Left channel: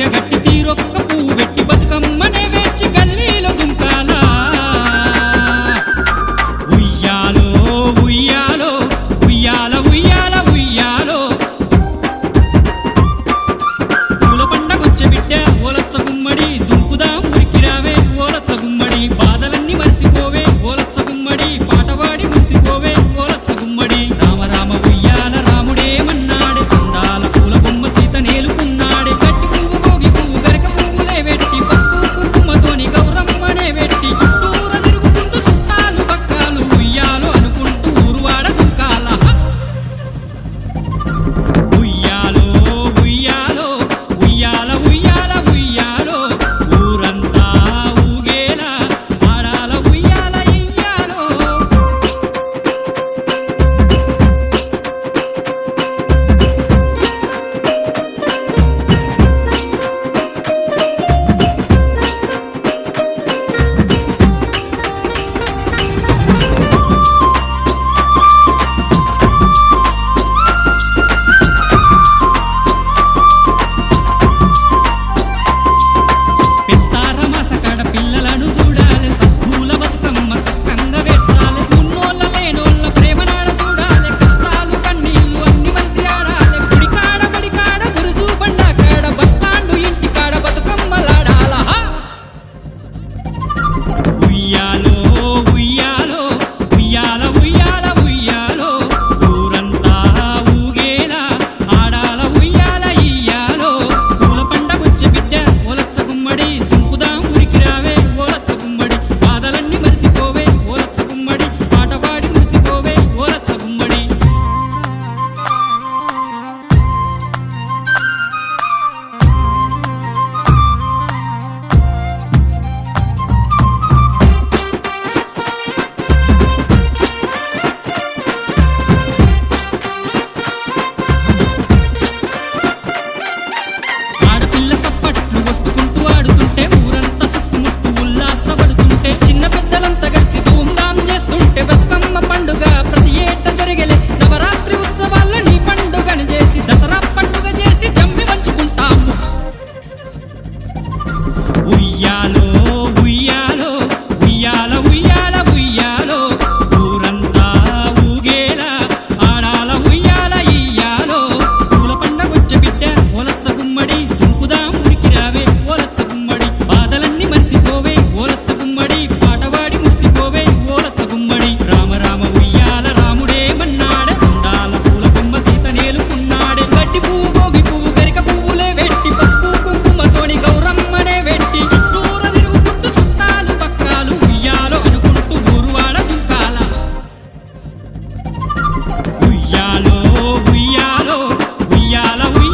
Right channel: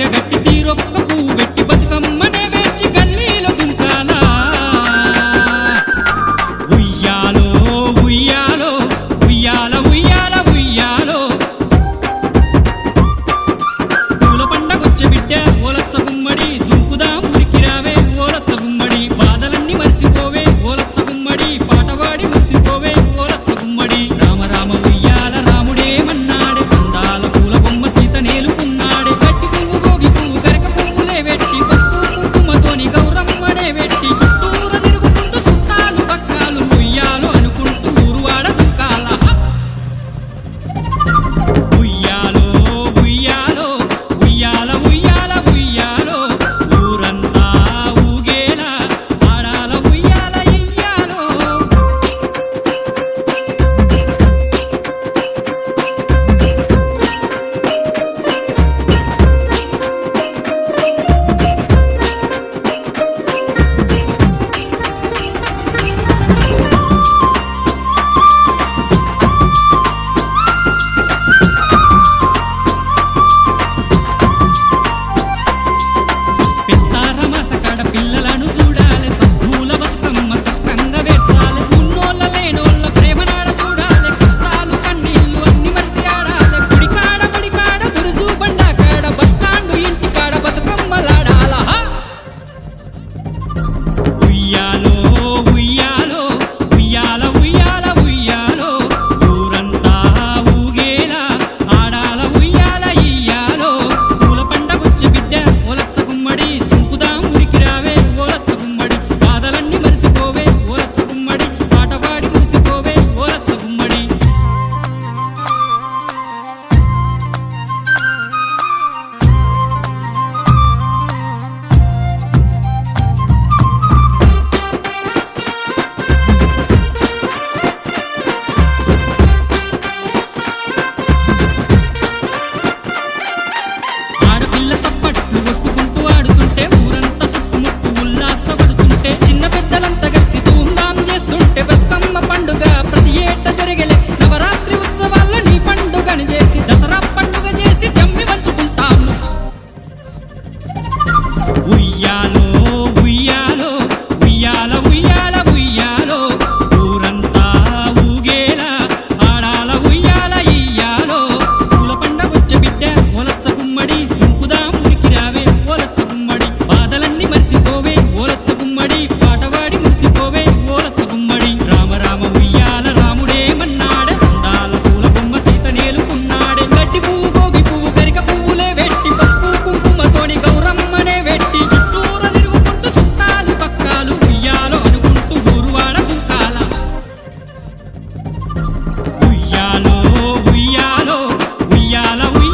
చీర గట్టి తీరొక్క పువ్వు వెట్టి బతుకమ్మనే వేర్చి గల్లీలో దుంకాలా ఉయ్యాలో ఉయ్యాలో ఉయ్యాల ఉయ్యాల ఉయ్యాలో పూల పండగొచ్చే బిడ్డ ఓలచ్చ గుమ్మడి దుంకుదాం ఊరికి రావే ఓలచ్చ గుమ్మడి బాధలన్నీ మరిసిపోవే ఓలచ్చ గుమ్మడి పాటవాడి మురిసిపోవే ఓలచ్చ గుమ్మడి రామ రామ ఉయ్యాల రాముడేమన్నాడే అందాల పూల బొమ్మ సీత నేలుకున్నాడే గట్టి పువ్వు గోగి పువ్వు గరక పువ్వులే వెట్టి పసుపు కుంకుమతోని గౌరమ్మనే వెట్టి చుట్టూర తిరుగుకుంటూ చుట్టాలు పక్కాలు ఉయ్యాలో అనుకుంటూ ఊరువాడ దుంకాల ఉయ్యాలో ఉయ్యాలో ఉయ్యాల ఉయ్యాల ఉయ్యాలో ఊరంతా ఊగేలా ఆడాల ఉయ్యాల ఇయ్యాలో పెత్తారమాసకాడ పిల్లలను చూడాలి సద్దుల బతుకమ్మ సక్కంగా వేర్చాలి ఉన్నోళ్ళ లేనోళ్ళ ప్రేమనాడ చూడాలి కష్టాలు కన్నీళ్లు అన్ని మరిసి ఆడాలి గుడికాడ బడికాడ బురుజు బండాకాడ బస్టాండు ఇంటికాడ బతుకమ్మలాడాల ఉయ్యాలో ఉయ్యాలో ఉయ్యాల ఉయ్యాల ఉయ్యాలో ఊరంతా ఊగేలా ఆడాల ఉయ్యాల ఇయ్యాలో పూల పండగొచ్చే బిడ్డ ఓలచ్చ గుమ్మడి దుంకుదాం ఊరికి రావే ఓలచ్చ గుమ్మడి బాధలన్నీ మరిసిపోవే ఓలచ్చ గుమ్మడి పాటపాడి మురిసిపోవే ఓలచ్చ గుమ్మడి ఆడపిల్ల సప్పట్లు కొట్టుకుంటూ ఆడుతుంటే ఊరంతా చుట్టుముట్టు ఉల్లాసపడుతుంటే చిన్న పెద్దలంతా కలిసి ధూమ్ధాం చేస్తుంటే బతుకమ్మ పండుగ ప్రతి ఏట జరిగేలే నవరాత్రి ఉత్సవాల్లో నీ పండుగను చేసి దసరా పండుగ చేసి జమ్మి వంచుకుంటాము ఉయ్యాలో ఉయ్యాలో ఉయ్యాల ఉయ్యాల ఉయ్యాలో ఊరంతా ఊగేలా ఆడాల ఉయ్యాల ఇయ్యాలో పూల పండగొచ్చే బిడ్డ ఓలచ్చ గుమ్మడి దుంకుదాం ఊరికి రావే ఓలచ్చ గుమ్మడి బాధలన్నీ మరిసిపోవే ఓలచ్చ గుమ్మడి పాటవాడి మురిసిపోవే ఓలచ్చ గుమ్మడి రామ రామ ఉయ్యాల రాముడేమన్నాడే అందాల పూల బొమ్మ సీత నేలుకున్నాడే గడ్డి పువ్వు గోగి పువ్వు గరిక పువ్వులే వెట్టి పసుపు కుంకుమతోని గౌరమ్మనే వెట్టి చుట్టూర తిరుగుకుంటూ చుట్టాలు పక్కాలు ఉయ్యాలో అనుకుంటూ ఊరువాడ దుంకాల ఉయ్యాలో ఉయ్యాలో ఉయ్యాల ఉయ్యాల